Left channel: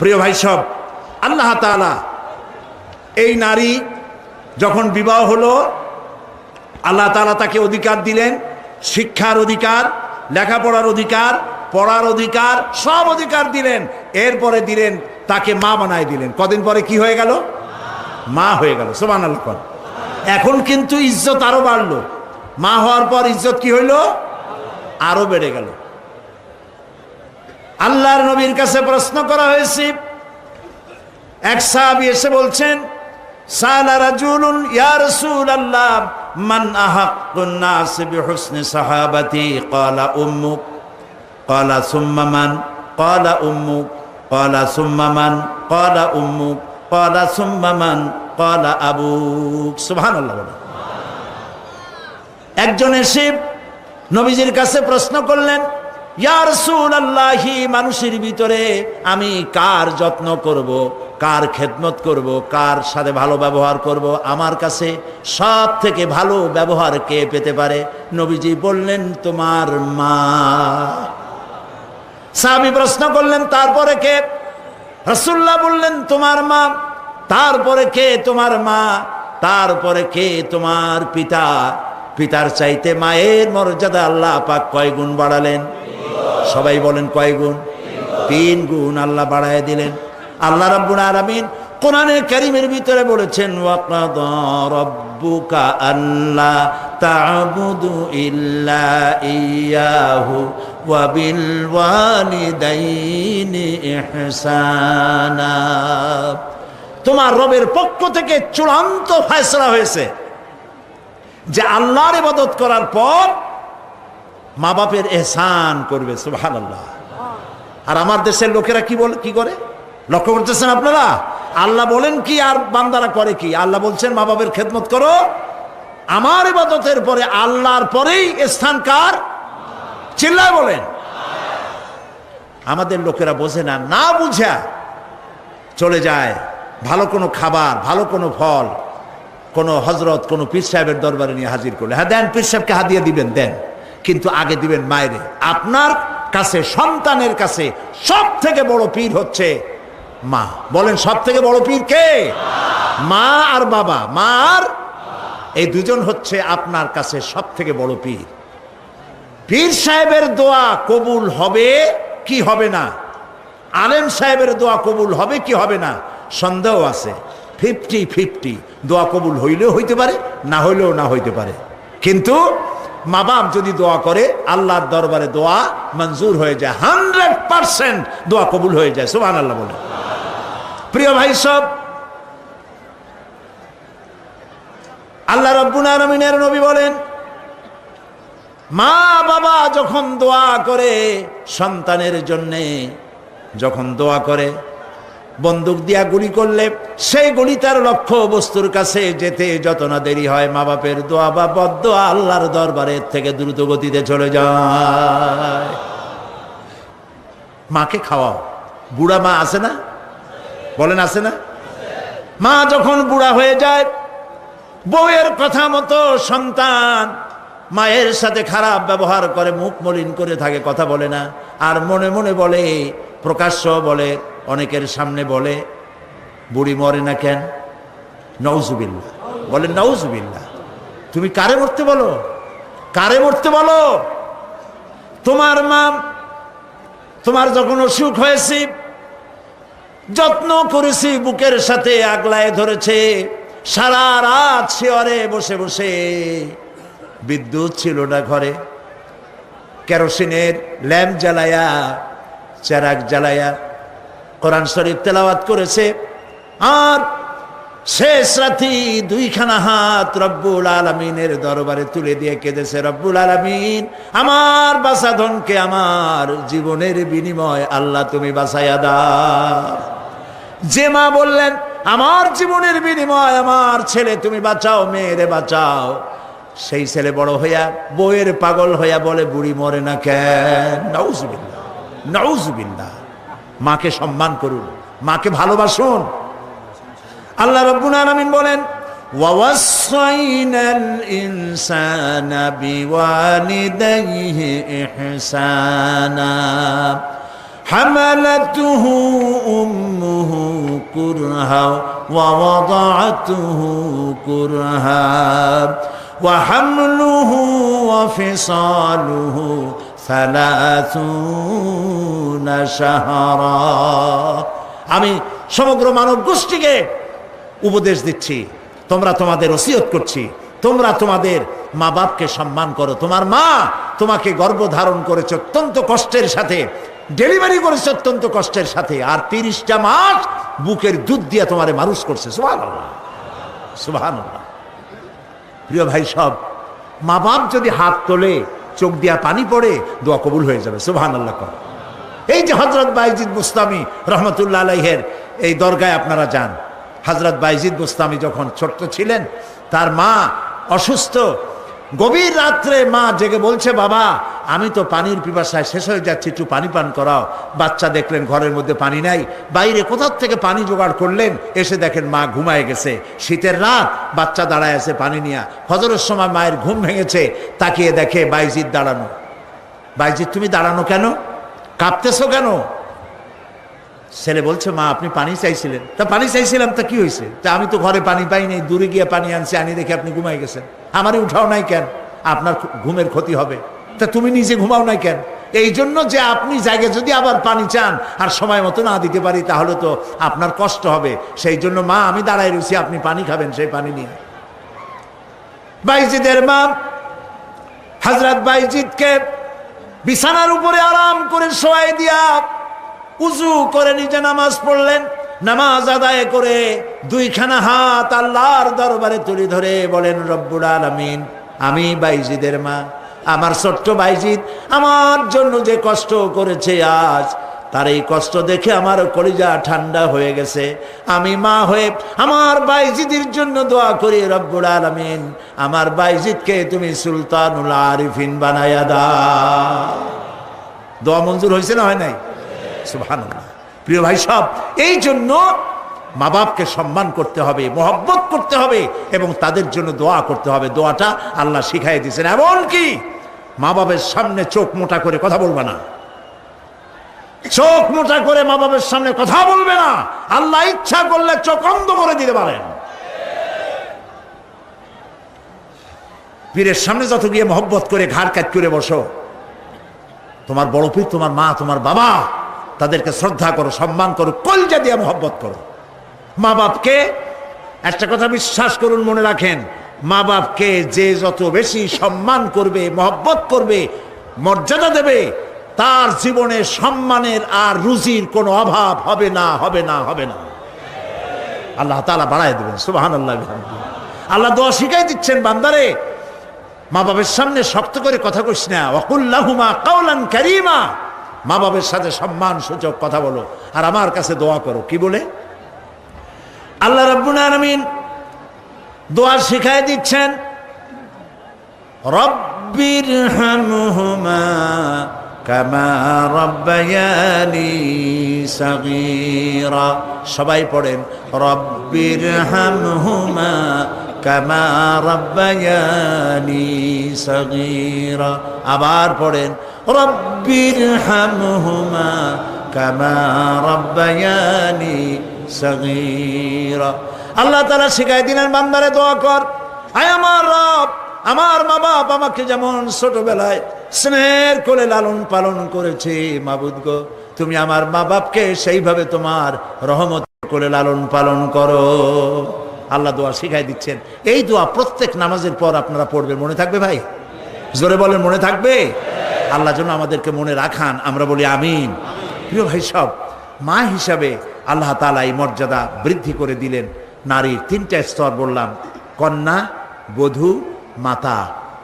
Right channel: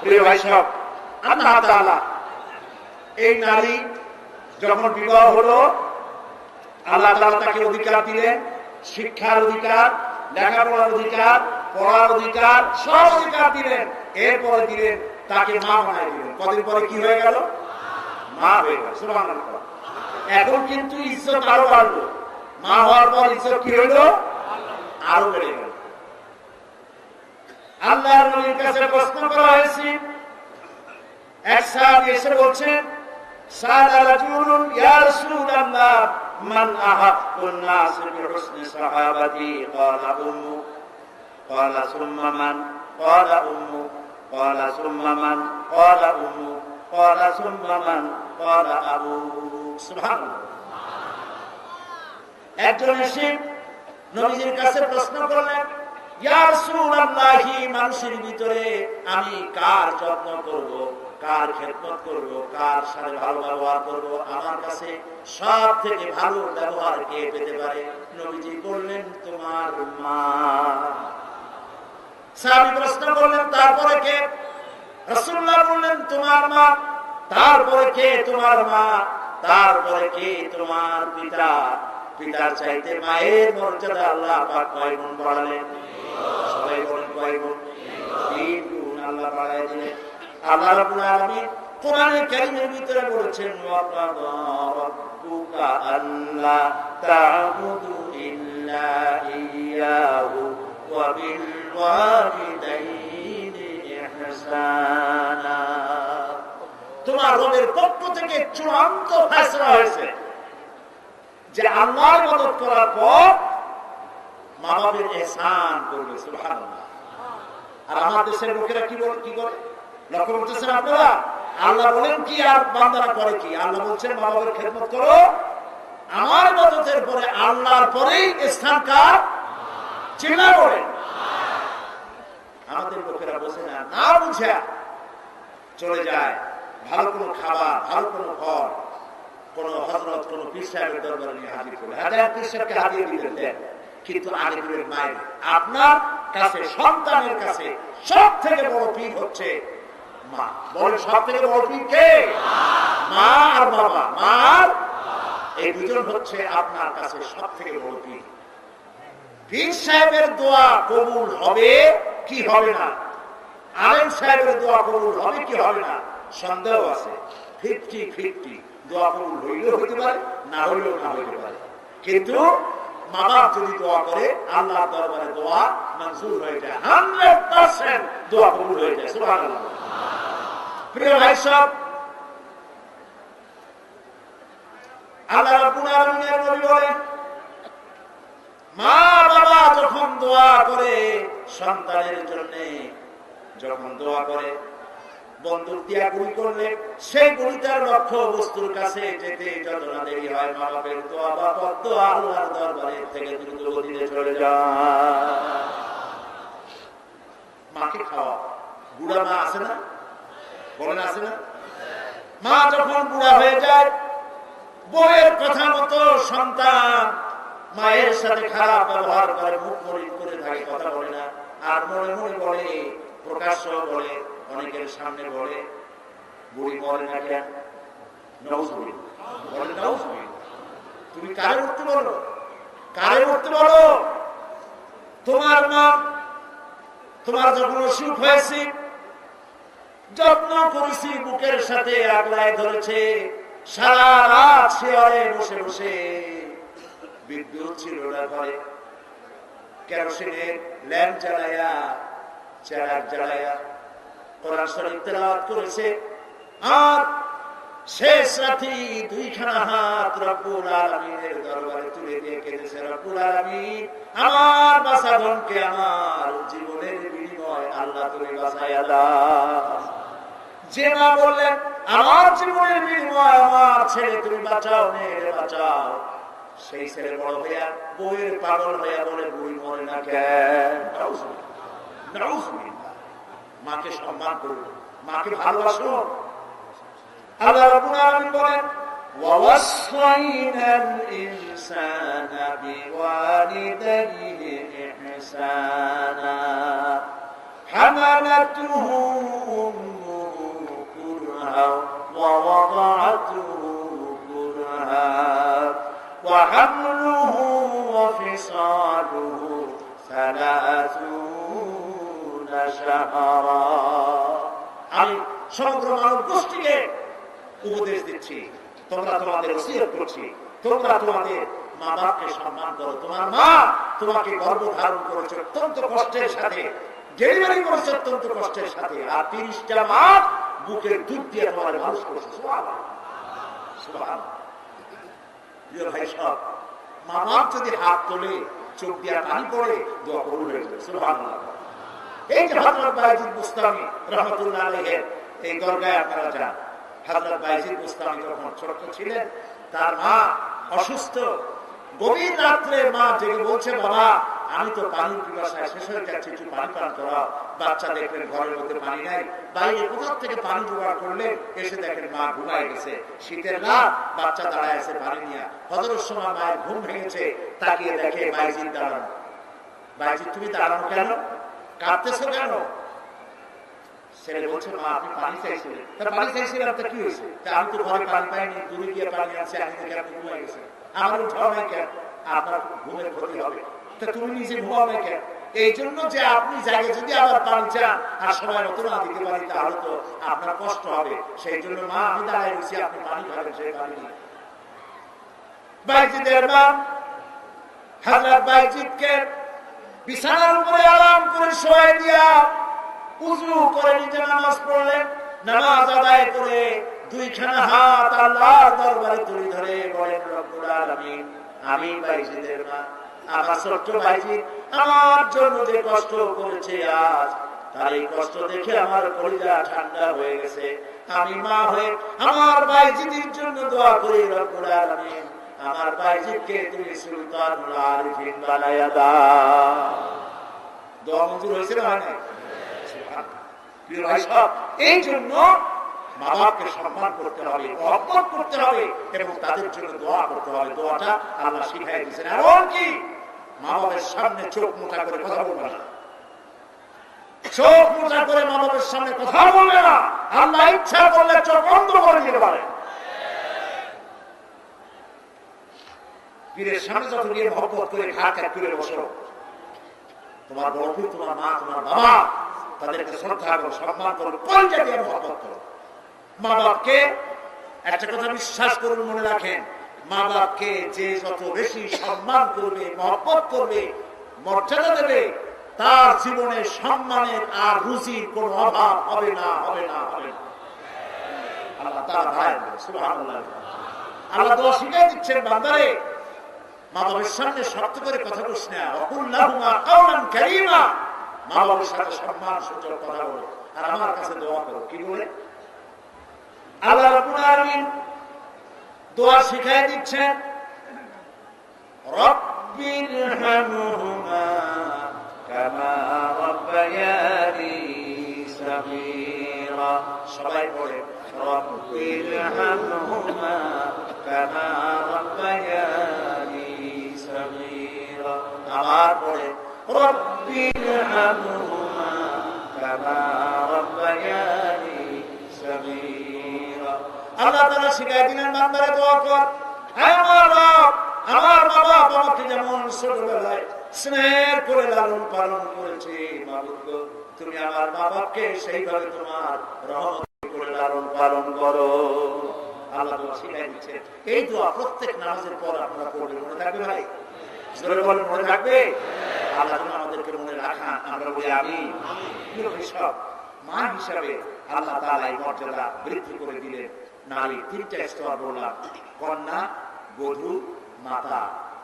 প্রিয় ভাই সব, আল্লাহ তাআলা এই নারী যখন বিবাহ হলো, আল্লাহ তাআলা তাকে অধিকার দিলেন, শিক্ষার অধিকার, লেখাপড়ার অধিকার, পড়ার অধিকার, সব অধিকার দিলেন। এরপরে দিলেন তাকে মা বানায় দিলেন। কদিন পরে কি হয়ে গেল? মা হয়ে গেল। সুবহানাল্লাহ। এখন কিন্তু ইজ্জত আরো বাড়লো। মা হওয়ার পর ইজ্জত কি হইল? আরো বেড়ে গেল। আল্লাহর নবীর কাছে প্রশ্ন করা হয়েছে। এক সাহাবী এসে বলছেন, সালা রাজুলুন ইয়া রাসূলুল্লাহ মান আহাক্কুন নাস বিহুসনি সাহাবাতি ক্বালা উম্মুক ক্বালা সুম্মা মান ক্বালা উম্মুক ক্বালা সুম্মা মান ক্বালা উম্মুক ক্বালা সুম্মা মান ক্বালা আবুক। সুবহানাল্লাহ। একজন এসে নবীজির কাছে প্রশ্ন করলেন, ইয়া রাসূলুল্লাহ, মানুষের ভিতরে আমি কার যত্ন করব, কার খেদমত করব, কার সাথে ভালো ব্যবহার করব, আমার কাছে সব থেকে ভালো ব্যবহার কে পেতে পারে? নবীজি বললেন, তোমার মা। সাহাবী প্রশ্ন করলেন, তারপরে কে? রাসূলুল্লাহ বললেন, তোমার মা। তারপরে কে? তোমার মা। তারপরে কে? তোমার পিতা। পিতার চাইতে মায়ের মর্যাদা আল্লাহ পাক কয় গুণ বাড়ালেন? সবাই বলেন কয় গুণ? 3 গুণ আল্লাহ বাড়ায় দিলেন। আল্লাহ রাব্বুল আলামিন কোরআনের কারীমের ভিতরে বলেছেন, ওয়াকাদা রাব্বুকা আল্লা তা'বুদু ইল্লা ইয়াহু ওয়া বিল ওয়ালিদাইনি ইহসানা। তোমার রবের পক্ষ থেকে চূড়ান্ত ফয়সালা হয়েছে যে আল্লাহর ইবাদত করার পর মা বাপের ইহসান করবে। সুবহানাল্লাহ। আর আমার দেশের লোকেরা কি বলে, কি করে? লক্ষ্য করতেছেন আপনারা? আল্লাহ বলেন কি আর বান্দারা করে কি? আল্লাহ বলছেন মা বাপের খেদমত করো। আমার ইবাদতের পরে আল্লাহর পরেই স্থান কার? চিল্লায় বলেন। আমাদের লোকেরা বোঝে না, না বুঝা চলে যায় ভালো কোনো খাবার, ভালো কোনো ফল কোন হযরত, কোন পীর সাহেবের দরবারে নিয়ে হাজির করলে, হ্যাঁ দেন, পীর সাহেবকে হাদিয়া দিবেন, দেন, কিন্তু আগে দিবেন মায়েরে। আপনার কাছে, সন্তানের কাছে সব থেকে বড় পীর হচ্ছে মা। বলেন সব থেকে বড় পীর কে? মা আর বাবা। মা আর এই দুজন হচ্ছে আপনার কাছে সব থেকে বড় পীর। পীর সাহেবের দোয়া কবুল হবে কি হবে না, আলেম সাহেবের দোয়া কবুল হবে কি হবে না, সন্দেহ আছে। 50-50। দোয়া কবুল হইলেও হইতে পারে, না হইলেও না হইতে পারে। কিন্তু মা বাপ যদি দোয়া করে, আল্লাহর দরবারে দোয়া মঞ্জুর হয়ে যায়। 100% দোয়া কবুল হয়ে যায়। সুবহানাল্লাহ বলে। প্রিয় ভাই সব, আল্লাহ রাব্বুল আলামিনের নবী বলেন, মা বাবা যখন দোয়া করে সন্তানের জন্যে, যখন দোয়া করে, বন্দুক দিয়া গুলি করলে সেই গুলি তার লক্ষ্য বস্তুর কাছে যেতে যত না দেরি হয়, মা বাপের দোয়া বা বদদোয়া আল্লাহর দরবারে থেকে দ্রুত গতিতে চলে যায়। মাকে খাওয়াও। বুড়া মা আছে না? বলেন আছে না? মা যখন বুড়া হয়ে যায়, বউয়ের কথা মতো সন্তান মায়ের সাথে খারাপ ব্যবহার করে, মুখ মলিন করে থাকে, কথা বলে না, আর মনে মনে বলে, প্রকাশ্য বলে, অনেকের সামনে বলে, বুড়ি মরে না কেন? নাউজুবিল্লাহ। বলেন নাউজুবিল্লাহ। তুমি কারে মরতে বলো? কারে মরতে বলো? তোমার মা, তোমার যখন অসুখ হয়েছে, যত্ন করেছি, বুকের সাথে আগলায় ধরেছে, সারা রাত শিয়রে বসে বসে, বিদ্যুৎ ছিল না ঘরে, কেরোসিনের ল্যাম্প জ্বালায়া, চেরাগ জ্বালায়া কোরআন শরীফ তেলাওয়াত করেছে। আর শেষ রাতি 2খানা হাত রব্বুল আলামিনের দরবারে তুলে দিয়ে কেঁদেছে, রব্বুল আলামিন, আমার বাঁচাধনকে আমার জীবনের বিনিময় আল্লাহ তুমি বাঁচাইয়া দাও। যে মা বললেন, আমার জীবনের বিনিময় আমার ছেলে তুমি বাঁচাও, মেয়েরে বাঁচাও, সেই ছেলে বড় হইয়া বউয়ের পাগল হইয়া বলে, বুড়ি মরে না কেন? নাউজুবিল্লাহ, নাউজুবিল্লাহ। মাকে সম্মান করুন, মাকে ভালোবাসুন। আল্লাহ রাব্বুল আলামিন বলেন, ওয়াওয়াসাইনাল ইনসানা বিওয়ালিদাইহি ইহসানা হামালাতুহু كرها ووضعته كرها وحمله وفصاله 30 شهرا। আমি সমগ্র মানব গোষ্ঠীকে উপদেশ দিচ্ছি, তোমরা তোমাদের ওসিয়ত করছি, তোমরা তোমাদের মা বাপকে সম্মান করো। তোমার মা তোমাকে গর্ভধারণ করেছে অত্যন্ত কষ্টের সাথে, ডেলিভারি করেছে অত্যন্ত কষ্টের সাথে, আর 30টা মাস বুকের দুধ দিয়ে তোমারে মানুষ করছে। সুবহানাল্লাহ, সুবহানাল্লাহ। প্রিয় ভাই সব, মা বাপ যদি হাত তোলে, চোখ দিয়া পানি পড়ে, দোয়া কবুল হয়ে যাবে। সুবহানাল্লাহ। এই যে হযরত বাইজিদ বুস্তামি রহমতুল্লাহ আলাইহের এই দরগায় আপনারা যান। হযরত বাইজিদ বুস্তামি যখন ছোট্ট ছিলেন, তার মা অসুস্থ, গভীর রাত্রে মা জেগে বলছে, বাবা আমি তো পানির পিপাসায় শেষ হয়ে যাচ্ছি, একটু পানি পান করাও। বাচ্চা দেখলেন ঘরের মধ্যে পানি নাই, বাইরে কোথাও থেকে পানি জোগাড় করলেন, এসে দেখেন মা ঘুমায় গেছে। শীতের রাত, বাচ্চা দাঁড়ায় আছে পানি নিয়ে। ফজরের সময় মায়ের ঘুম ভেঙেছে, তাকিয়ে দেখে বাইজিদ দাঁড়ানো। বাইজিদ তুমি দাঁড়ানো কেন, কাঁপতেছো কেন? ছেলে বলছে, মা আপনি পানি চাইছিলেন। তা পানি চাইছিলাম, তা কি হয়েছে? তা আমি তো ঘরে পানি পাইনি, দূরে গিয়ে পানি আনছি, আনি দেখে আপনি ঘুমাই গেছেন, আমারই উঠাও নাই কেন? আপনার ঘুমের ক্ষতি হবে। তা তুমি নিজে ঘুমাও নাই কেন? এই জন্য যে আপনি জায়গায় যদি আবার পানি চান আর সময় মতো না দিতে পারি, তাহলে তো আপনার কষ্ট হবে। সেই জন্য মা আমি দাঁড়ায় রয়েছি, আপনি পানি খাবেন, সেই পানি নিয়ে। বাইজিদের মা হযরত বাইজিদকে বিছানার উপরে আরাম করে শোয়াই দিয়া উজু করে নিজে নামাজ পড়লেন। নামাজ আদায় করে দুইখানা হাত আল্লাহর দরবারে তুলে ধরে বলেন, রব্বুল আলামিন, আমি বাইজিদের মা, আমার ছোট্ট বাইজিদ আমার জন্য যে কষ্ট করেছে আজ, তার এই কষ্ট দেখে আমার কলিজা ঠান্ডা হয়ে গেছে। আমি মা হয়ে আমার বাইজিদের জন্য দোয়া করি, রব্বুল আলামিন আমার বাইজিদকে তুমি সুলতানুল আরিফিন বানায়া দাও। দোয়া মঞ্জুর হয়েছে না হয় নাই? সুবহানাল্লাহ। প্রিয় ভাই সব, এই জন্য মা বাপকে সম্মান করতে হবে, মহব্বত করতে হবে এবং তাদের জন্য দোয়া করতে হবে। দোয়াটা আল্লাহ শিখাই দিয়েছেন। এমনকি মা বাবার সামনে চোখ মোটা করে কথা বলবে না, চোখ মোটা করে মা বাবার সামনে কথা বলবে না। আল্লাহ ইচ্ছা করলে চোখ অন্ধ করে দিতে পারেন। পীরের সামনে যত গিয়ে মহব্বত করে ঘাড় কাট করে বসো, তোমার বড় পীর, তোমার মা, তোমার বাবা, তাদেরকে শ্রদ্ধা করো, সম্মান করো, কলজা দিয়ে মহব্বত করো। মা বাপকে একটা কথা বিশ্বাস করুন, মনে রাখেন, মা বাপকে যে যত বেশি সম্মান করবে, মহব্বত করবে, মর্যাদা দেবে, তার জীবনে সম্মানের আর রুজির কোনো অভাব হবে না, হবে না, হবে না। আল্লাহ তাআলা বাড়ায় দেবেন। সুবহানাল্লাহ। আল্লাহ দোয়া শিখাই দিচ্ছেন, বান্দারে মা বাবার সামনে শক্ত করে কথা কইস না, ওয়াকুল লাহুমা কাওলান কারীমা, মা বাবার সাথে সম্মান সূচক কথা বলো আর আমার কাছে দোয়া করো। কি বলে? আল্লাহ রাব্বুল আলামিন দোয়া শিখাই দিচ্ছেন, রব্বিরহামহুমা কামা রাব্বায়ানি সাগীরা। সবাই পড়েন, রব্বিরহামহুমা কামা রাব্বায়ানি সাগীরা। আবার পড়েন, রব্বিরহামহুমা কামা রাব্বায়ানি সাগীরা। আল্লাহ তাআলা শিখাই দিলেন, বান্দারে দোয়া কর, আয় আমার রব, আমার মা বাপ আমাকে যেমন ছোটবেলায় স্নেহের কোলে লালন পালন করেছে, মাবুদ গো তুমি আমার মা বাপকে সেইভাবে তোমার রহমত কোলে লালন পালন করো। আল্লাহ দোয়া শিখাই দিচ্ছেন। এই দোয়া প্রত্যেক নামাজের পর আপনারা পড়বেন। মনে থাকবে ভাই? জোরে বলেন, মনে থাকবে? আল্লাহ যেন আমাদেরকে মনে রাখান, আমরা বলি আমিন। প্রিয় ভাই সব, মা হিসাবে আল্লাহ তাআলা এই মর্যাদা বৃদ্ধি করে দিলেন। নারীর 3টা স্তর বললাম, কন্যা, বধূ, মাতা।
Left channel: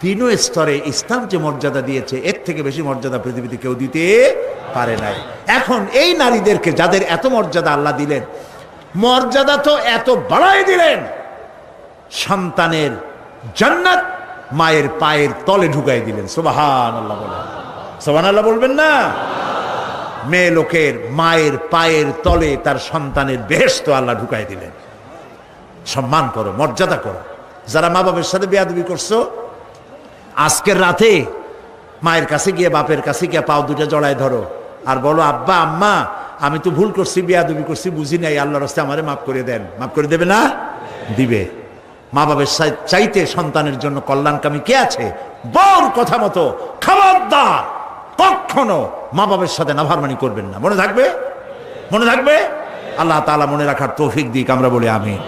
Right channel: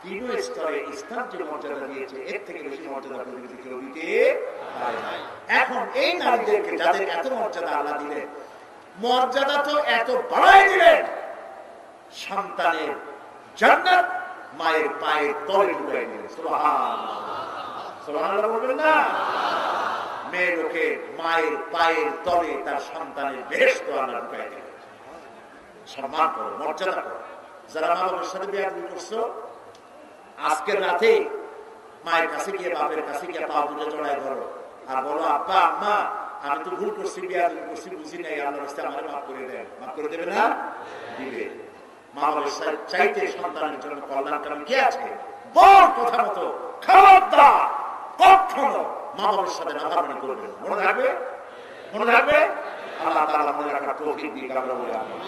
3 স্তরে ইসলাম যে মর্যাদা দিয়েছে, এর থেকে বেশি মর্যাদা পৃথিবীতে কেউ দিতে পারে নাই। এখন এই নারীদেরকে যাদের এত মর্যাদা আল্লাহ দিলেন, মর্যাদা তো এত বাড়াই দিলেন, সন্তানের জান্নাত মায়ের পায়ের তলে ঢুকাই দিলেন। সুবহানাল্লাহ বলেন, সুবহানাল্লাহ বলবেন না? মেয়ে লোকের মায়ের পায়ের তলে তার সন্তানের বেহেশত আল্লাহ ঢুকাই দিলেন। সম্মান করো, মর্যাদা করো। যারা মা বাবার সাথে বেয়াদবি করছো, আজকের রাতে মায়ের কাছে গিয়ে, বাপের কাছে গিয়ে পাও দুটো জড়ায় ধরো আর বলো, আব্বা আম্মা আমি তো ভুল করছি, বেয়াদবি করছি, বুঝি নাই, আল্লাহর রাস্তায় আমারে মাফ করে দেন। মাফ করে দেবে না? দিবে। মা বাবার চাইতে সন্তানের জন্য কল্যাণকামী কে আছে? বউর কথা মতো খবরদার কখনো মা বাবার সাথে নাফরমানি করবেন না। মনে থাকবে? মনে থাকবে? আল্লাহ তাআলা মনে রাখার তৌফিক দিক। আমরা বলি আমিন।